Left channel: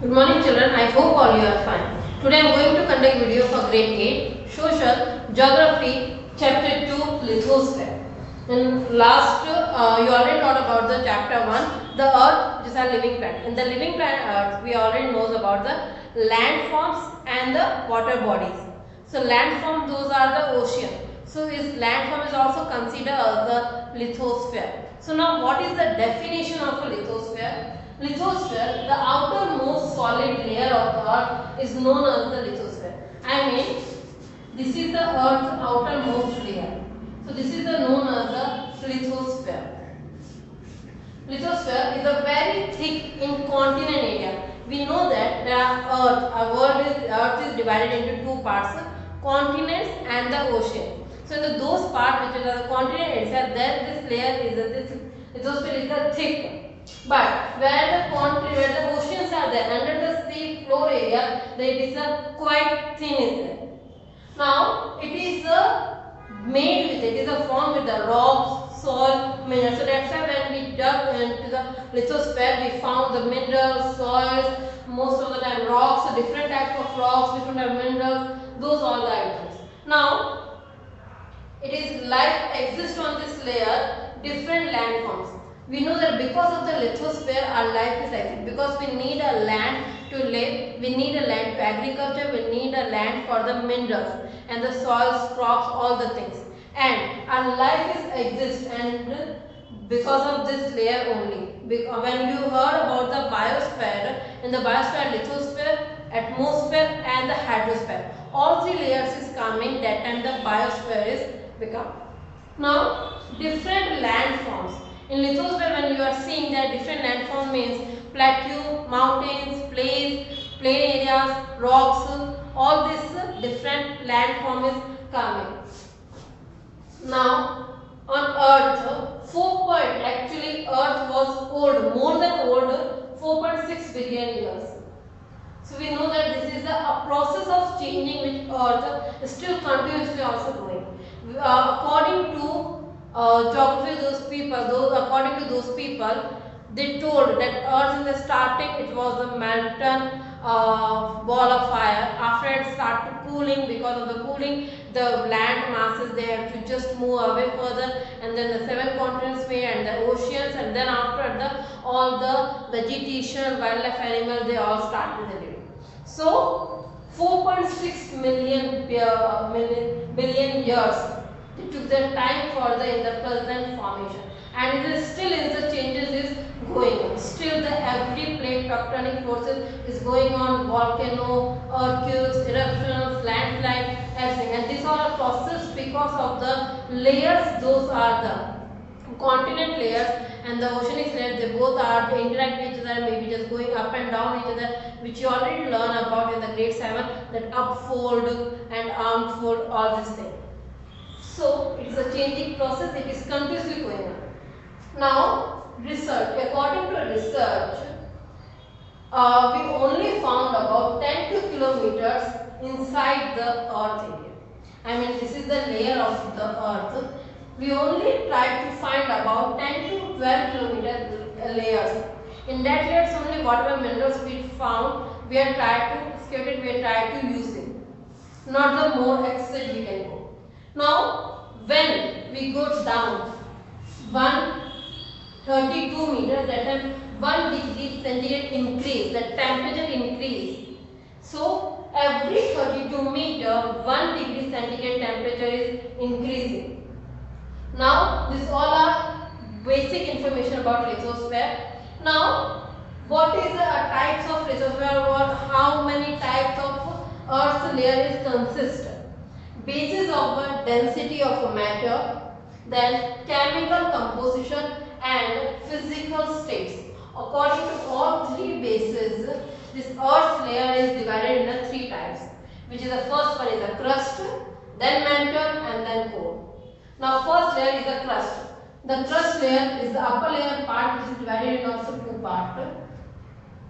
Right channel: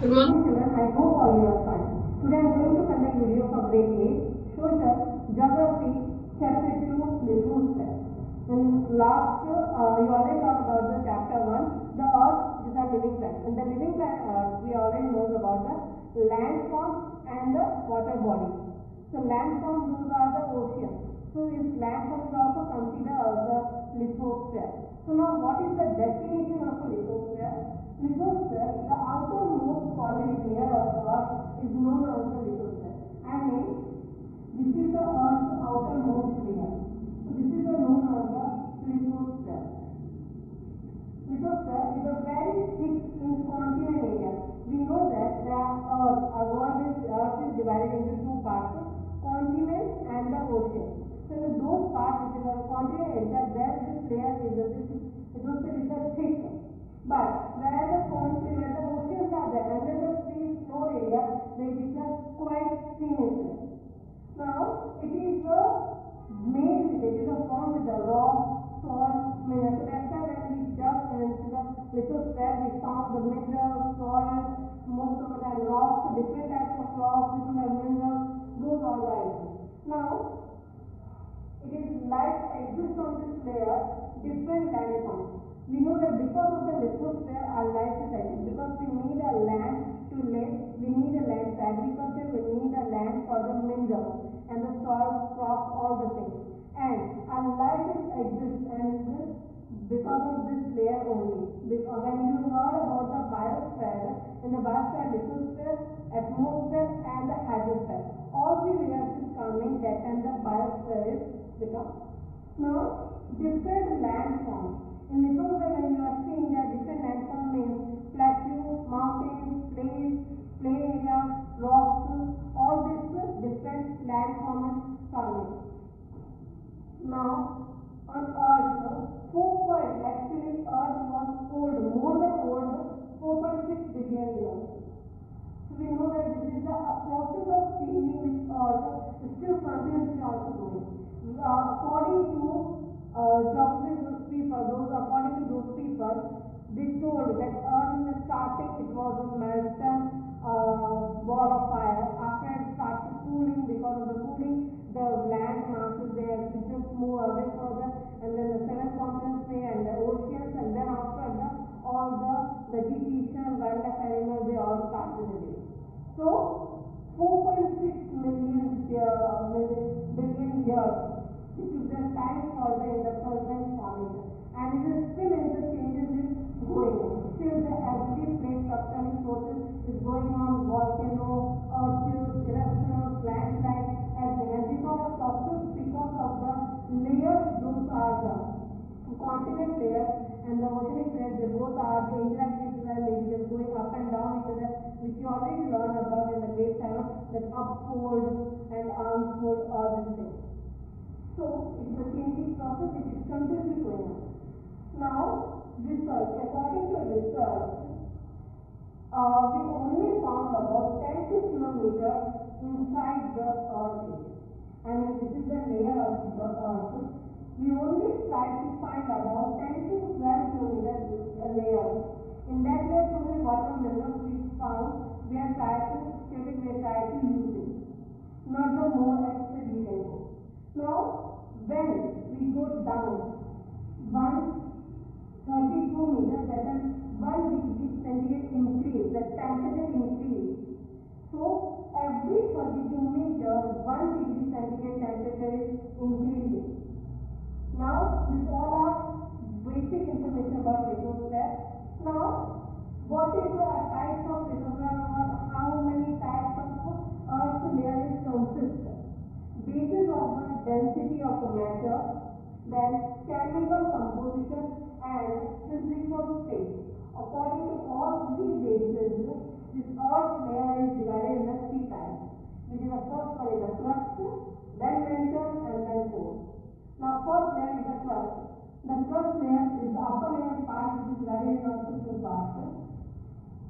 Good morning children, I hope all you are fine. Today I am going to conduct video for grade 8, Social Geography, Chapter 2, Lithosphere. In last, you already taught about the Chapter 1, the Earth, which is our living planet. In the living planet Earth, we already know about the landforms and the water bodies. So landform, those are the ocean. So is landform is also considered as the lithosphere. So now what is the definition of a lithosphere? Lithosphere, the outermost solid layer of the earth is known as the lithosphere. I mean, this is the earth's outermost layer. So this is the known as the lithosphere. Lithosphere is a very thick incontinent area. We know that Earth is divided into two parts, continents and the ocean. So in those parts which are the continent itself, there this layer is this lithosphere is the thick. But where the oceans are there, under the sea floor area, there is a quite thin is there. Now it is made with it is a formed with the rocks, soil, minerals. So that's why when we dug into the lithosphere, we found the minerals, soils, most of the time rocks, so different types of rocks, different types of minerals. Those are the items. Now it is life exists on this layer, different landforms. We know that because of the lithosphere, our life is like because we need a land to live, we need a land to agriculture, we need a land for the minerals and the soils, crops, all the things. And our life is exists and because of this layer only. When you heard about the biosphere, in the biosphere, lithosphere, atmosphere and the hydrosphere, all three layers is coming, that time the biosphere is become. Now different landforms. In lithosphere, when you are seeing that different landform means plateau, mountains, plain areas, rocks, all this different landform is coming. Now on earth, actually earth was old, more than old, 4.6 billion years. So we know that this is a process of changing which earth is still continuously also going. According to geography, according to those people, they told that earth in the starting it was a molten ball of fire. After it started cooling, because of the cooling, the land masses they have to just move away further, and then the seven continents made and the oceans, and then after all the vegetation, wildlife, animal, they all started living. So 4.6 billion years it took the time for the present formation, and it is still is the changes is going on. Still the every plate tectonic forces is going on, volcano, earthquakes, eruptions, landslide, everything, and these are a process because of the layers. Those are the continent layers and the oceanic layers. They both are to interact with each other, maybe just going up and down each other, which you already learn about in the grade 7, that upfold and armfold, all this thing. So it is a changing process, it is continuously going on. Now research, according to research, we only found about 10 to kilometers inside the earth area. I mean, this is the layer of the earth. We only tried to find about 10 to 12 kilometer layers. In that layers only whatever minerals we found, we are tried to excavate it, we are tried to use it. Not the more extent we can go. Now when we go down 132 meters, that time 1 degree centigrade increase, the temperature increase. So every 32 meter 1 degree centigrade temperature is increasing. Now this all are basic information about lithosphere. Now what is the types of lithosphere, or how many types of earth's layer is consist? Basis of a density of a matter, then chemical composition and physical states. According to all three bases, this earth's layer is divided into three types, which is the first one is the crust, then mantle and then core. Now first layer is the crust. The crust layer is the upper layer part, which is divided into also two parts,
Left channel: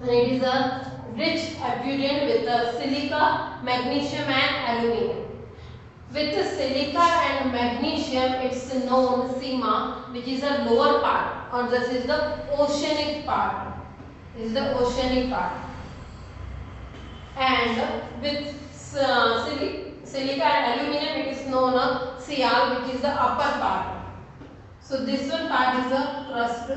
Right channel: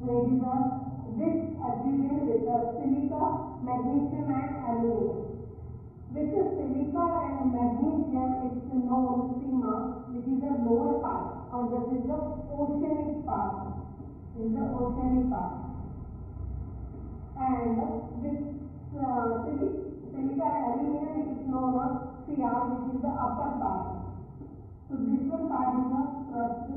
and it is a rich abundant with the silica, magnesium and aluminium. With the silica and magnesium, it's known Sima, which is the lower part, or this is the oceanic part. This is the oceanic part. and with silica and aluminum it is known as Sial, which is the upper part. So this one part is the crust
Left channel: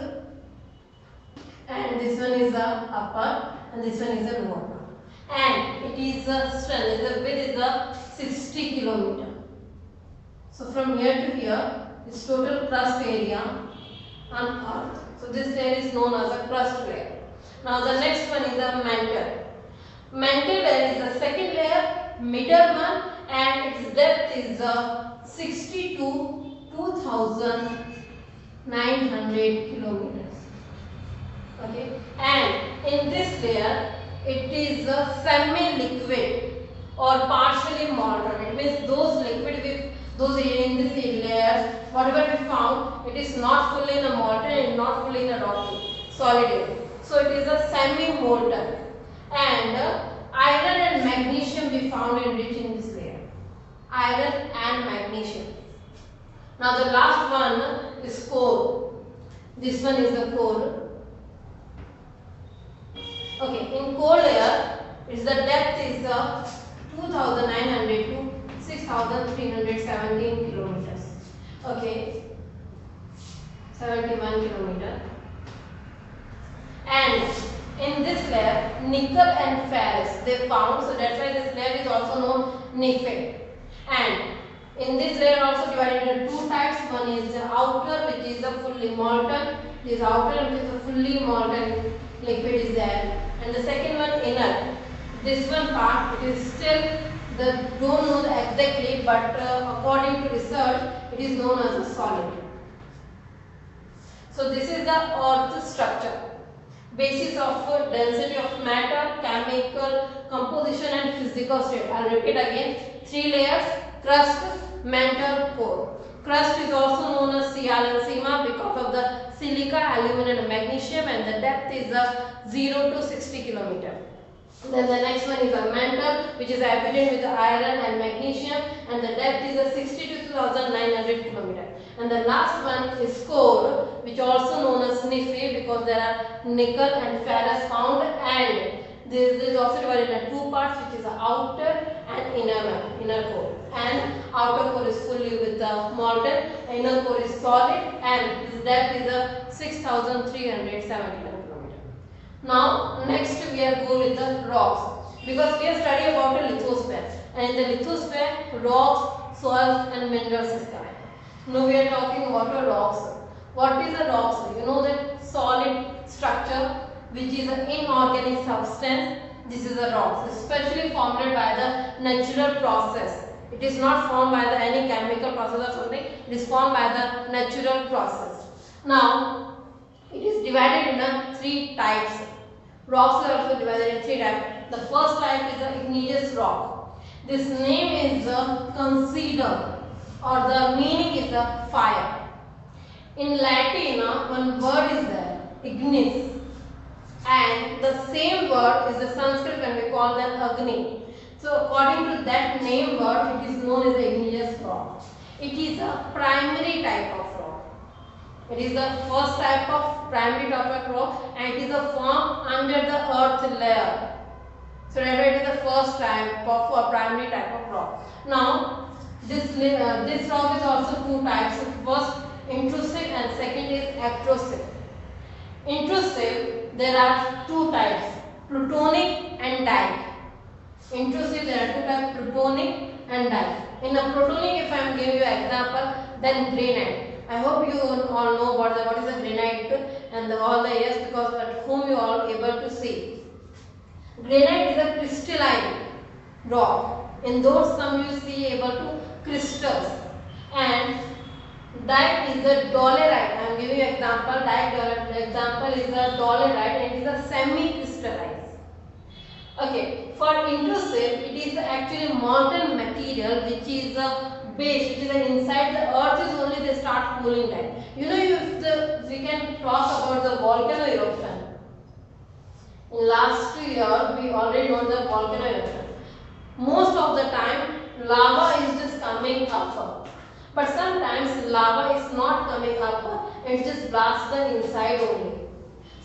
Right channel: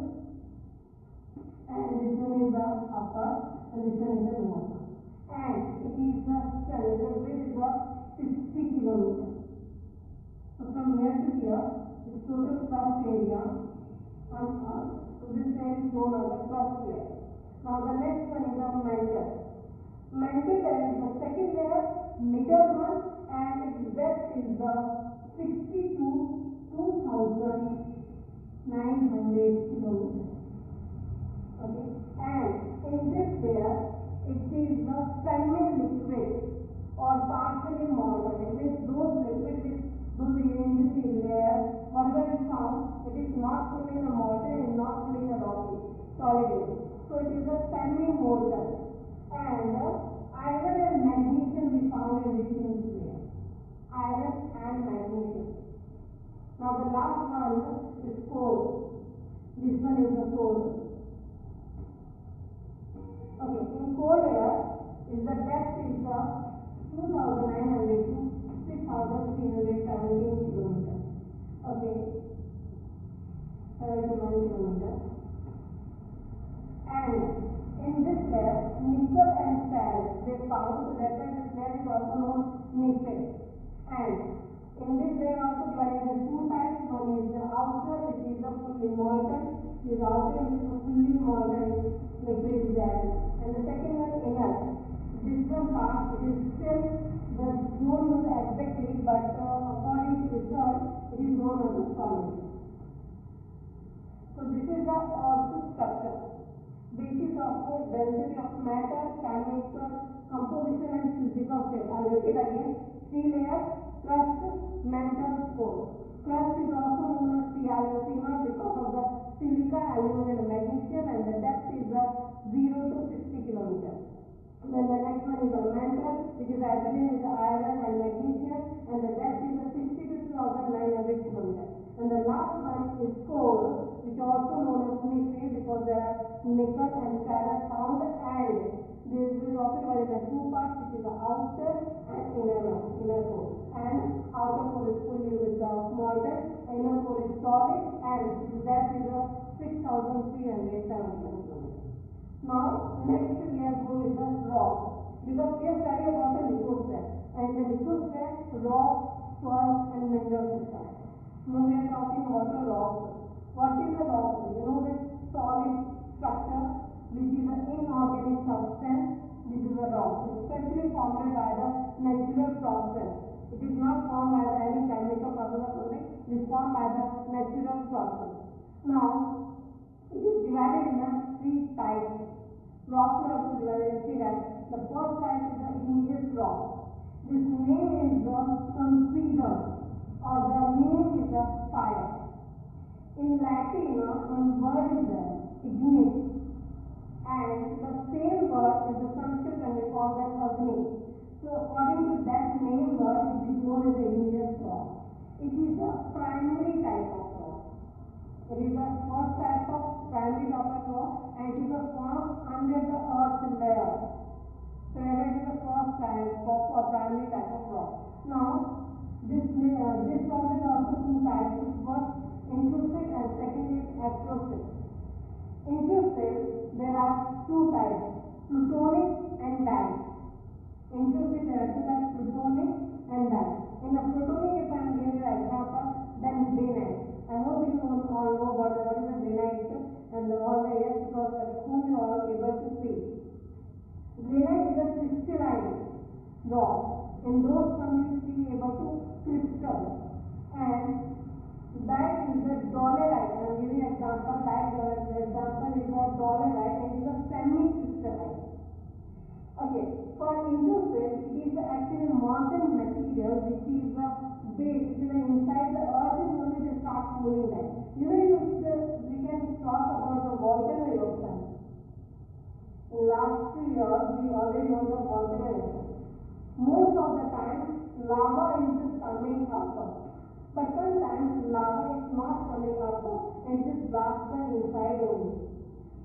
and this one is the upper and this one is the lower part, and it is the strength, the width is the 60 kilometer. So from here to here is total crust area on earth. So this layer is known as a crust layer. Now the next one is the mantle. Mantle layer is the second layer, middle one, and its depth is 60 to 2,900 kilometers. Okay, and in this layer it is semi-liquid or partially molten. It means those liquid with those in this layers, whatever we found, it is not fully in a molten and not fully in a rocky solid area. So it is a semi-molten, and iron and magnesium we found enriched in this layer. Iron and magnesium. Now the last one is core. This one is the core. Okay, in core layer, its the depth is 2,900 to 6,317 kilometers. Okay, 71 kilometer. And in this layer, nickel and ferrous they found. So that's why this layer is also known NiFe. And in this layer also divided into two types. One is the outer, which is the fully molten. This outer, which is the fully molten liquid is there. And the second one, inner. This one part, it is still don't know exactly, but according to research, it is known as a solid. So this is the earth structure. Basis of density of matter, chemical composition and physical state. I will repeat again. 3 layers: crust, mantle, core. Crust is also known as Sial and Sima because of the silica, aluminum and magnesium, and the depth is 0 to 60 kilometer. Then the next one is a mantle, which is evident with the iron and magnesium, and the depth is 60 to 2,900 kilometer. And the last one is core, which also known as NiFe because there are nickel and ferrous found, and this is also divided into two parts, which is the outer and inner core. And outer core is fully with the molten, inner core is solid, and this depth is 6,371 kilometer. Now next we are go with the rocks, because we are studying about the lithosphere, and in the lithosphere rocks, soils and minerals is coming. Now we are talking about the rocks. What is a rock? You know that solid structure which is an inorganic substance. This is a rock, especially formed by the natural process. It is not formed by any chemical process or something. It is formed by the natural process. Now it is divided into 3 types. Rocks are also divided in 3 types. The first type is the igneous rock. This name is consider, or the meaning is the fire. In Latin, one word is there, ignis, and the same word is the Sanskrit when we call them Agni. So according to that name word, it is known as the igneous rock. It is a primary type of rock. It is the first type of primary type of rock, and it is a form under the earth layer. So it is the first type of primary type of rock. Now this rock is also 2 types. First, intrusive, and second is extrusive. Intrusive, there are 2 types, plutonic and dike. Intrusive, there are 2 types, plutonic and dike. In a plutonic, if I am giving you an example, then granite. I hope you all know what is a granite and all the years, because at home you are all able to see. Granite is a crystalline rock. In those some you see able to crystals, and dike is the dolerite. I am giving you example. Example is the dolerite, and it is a semi-crystallized. Okay, for intrusive, it is actually molten material which is the base, which is inside the earth is only they start cooling down. You know, we can talk about the volcano eruption. In last year, we already know the volcano eruption. Most of the time, lava is just coming up. But sometimes lava is not coming up, it just blasts the inside only.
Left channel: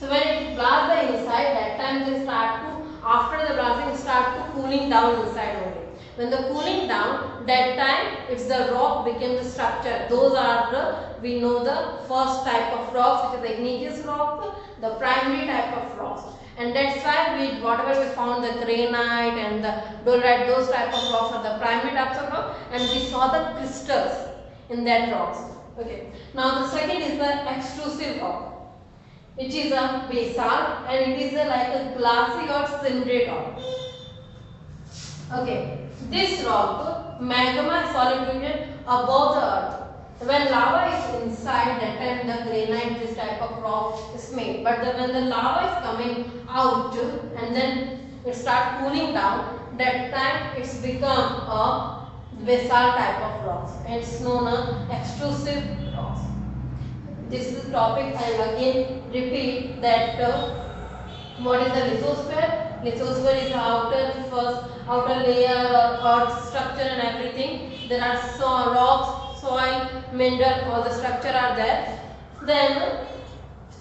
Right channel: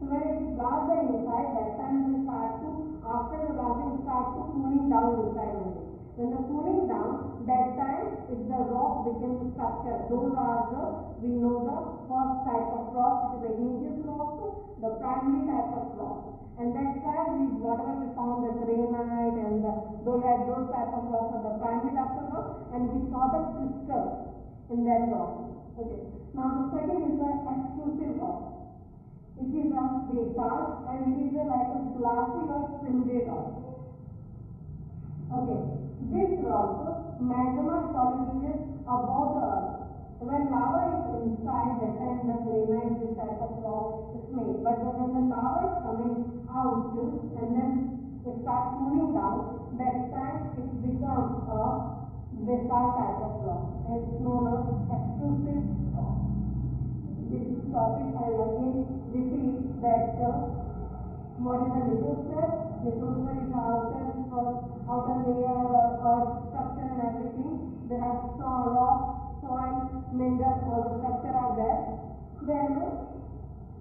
So when it blasts the inside, that time they start to, after the blasting, start to cooling down inside only. When the cooling down, that time it's the rock became the structure. Those are the, we know the first type of rocks, which is the igneous rock, the primary type of rocks. And that's why we, whatever we found, the granite and the dolerite, those type of rocks are the primary types of rock, and we saw the crystals in that rocks. Okay. Now the second is the extrusive rock, which is a basalt, and it is like a glassy or cindery rock. Okay, this rock, magma is solid above the earth. When lava is inside, that time the granite, this type of rock is made. But when the lava is coming out and then it starts cooling down, that time it's become a basalt type of rocks. It's known as extrusive rocks. This is the topic. I will again repeat that what is the lithosphere? Lithosphere is outer layer or earth structure and everything. There are rocks, soil, mineral, all the structure are there. Then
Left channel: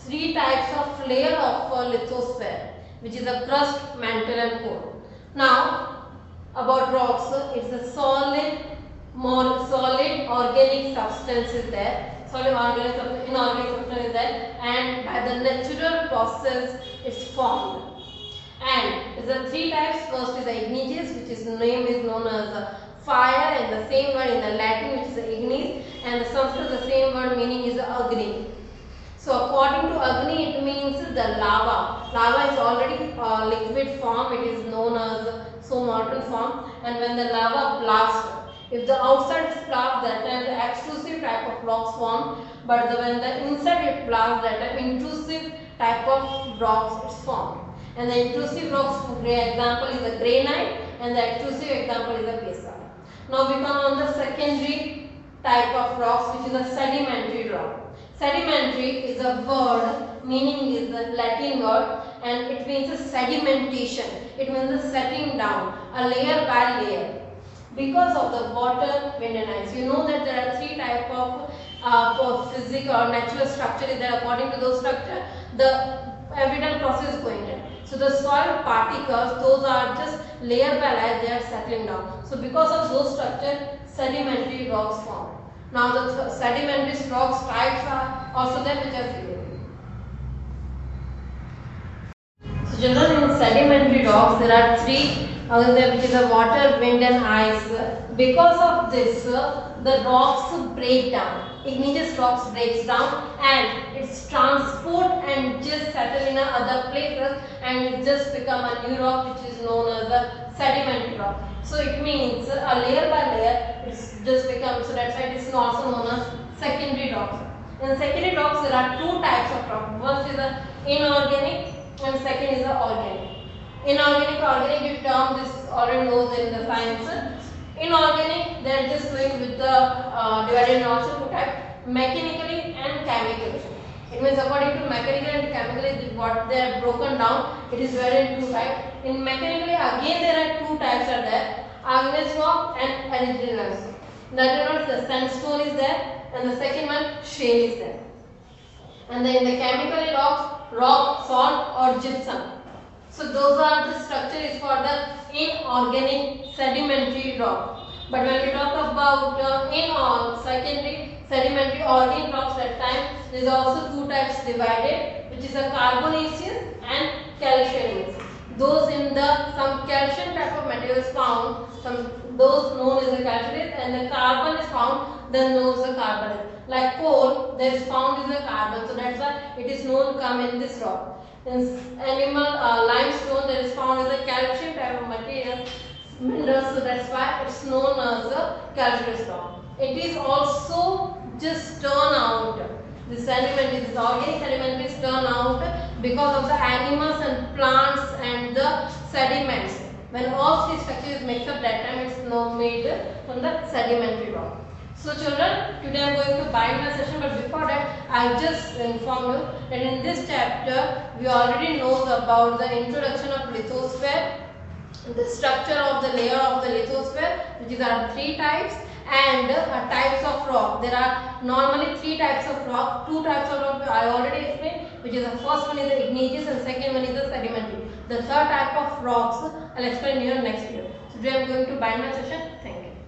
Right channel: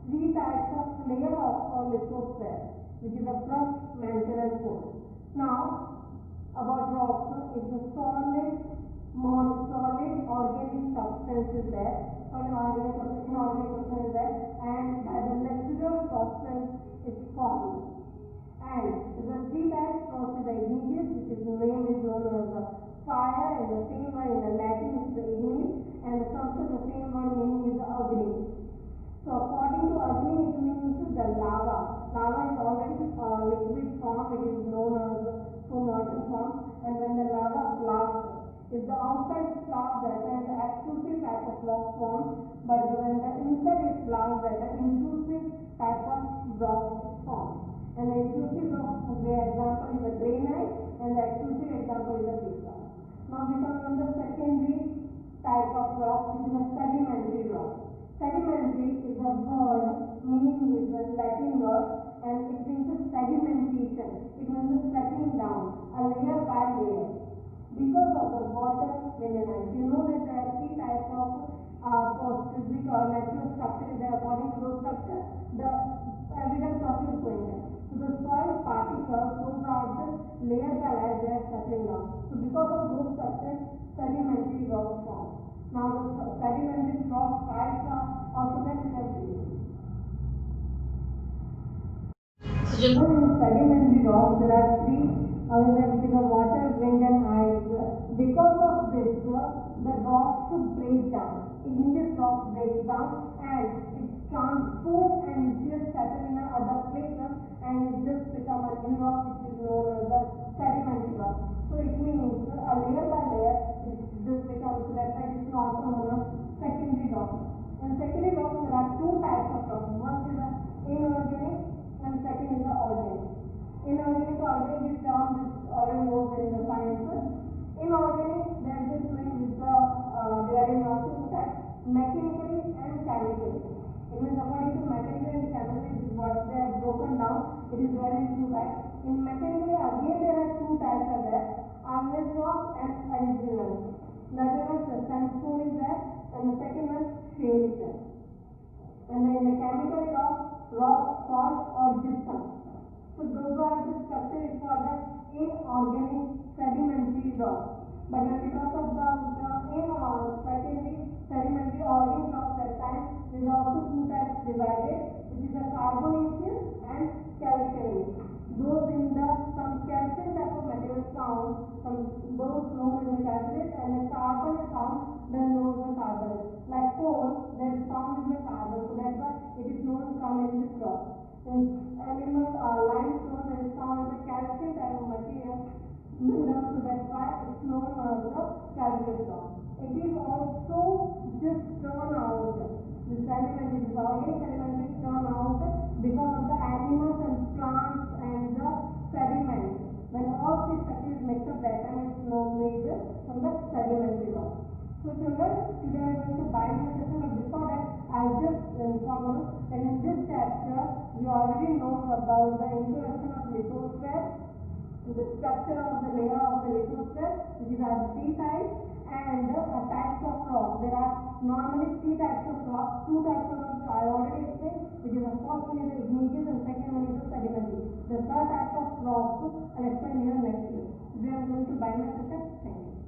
three types of layer of lithosphere, which is a crust, mantle and core. Now about rocks, it's a solid, more solid organic substance is there. Solid organic substance, inorganic substance is there, and by the natural process it's formed. And the three types. First is the igneous, which is name is known as fire, and the same word in the Latin, which is the ignis, and the Sanskrit the same word meaning is agni. So according to agni, it means the lava. Lava is already liquid form. It is known as so molten form, and when the lava blasts, if the outside is blast, that time the extrusive type of rocks form, but when the inside it blasts, that time intrusive type of rocks is formed. And the intrusive rocks, example is the granite, and the extrusive example is the basalt. Now we come on the secondary type of rocks, which is a sedimentary rock. Sedimentary is a word, meaning is the Latin word, and it means a sedimentation. It means the setting down, a layer by layer. Because of the water, wind and ice. You know that there are three types of physical or natural structure is there. According to those structure, the evident process is going on. So the soil particles, those are just layer by layer, they are settling down. So because of those structure, sedimentary rocks form. Now the sedimentary rocks types are also there, which are given. So generally in sedimentary rocks there are three, which is the water, wind and ice. Because of this, the rocks break down. Igneous rocks breaks down and it's transport and just settle in other places, and it just become a new rock, which is known as a sedimentary rock. So it means a layer by layer it's just become, so that's why it is also known as secondary rocks. In secondary rocks there are two types of rock. One is the inorganic and second is the organic. Inorganic, organic, you term this already knows in the science. Inorganic, they are just going with the divided in also two types, mechanically and chemically. It means according to mechanical and chemically, what they are broken down, it is divided in two types. In mechanically, again there are two types are there, igneous rock and argillaceous. That is the sandstone is there, and the second one shale is there. And then in the chemically rocks, rock, salt or gypsum. So those are the structure is for the inorganic sedimentary rock. But when we talk about secondary sedimentary organic rocks, that time there is also two types divided, which is a carbonaceous and calcareous. Those in the some calcium type of materials found, those known as the calcareous, and the carbon is found, then known as the carbonate. Like coal, there is found is the carbon, so that's why it is known come in this rock. In animal limestone, there is found as a calcium type of material mineral, so that's why it's known as a calcareous rock. It is also just turn out, the sediment is organic sediment is turn out because of the animals and plants and the sediments. When all three structures mix up, that time it's now made from the sedimentary rock. So children, today I am going to bind my session, but before that I just inform you that in this chapter we already know about the introduction of lithosphere, the structure of the layer of the lithosphere, which are three types, and types of rock. There are normally three types of rock. Two types of rock I already explained, which is the first one is the igneous and second one is the sedimentary. The third type of rocks I'll explain here next video. Today I'm going to bind my session. Thank you.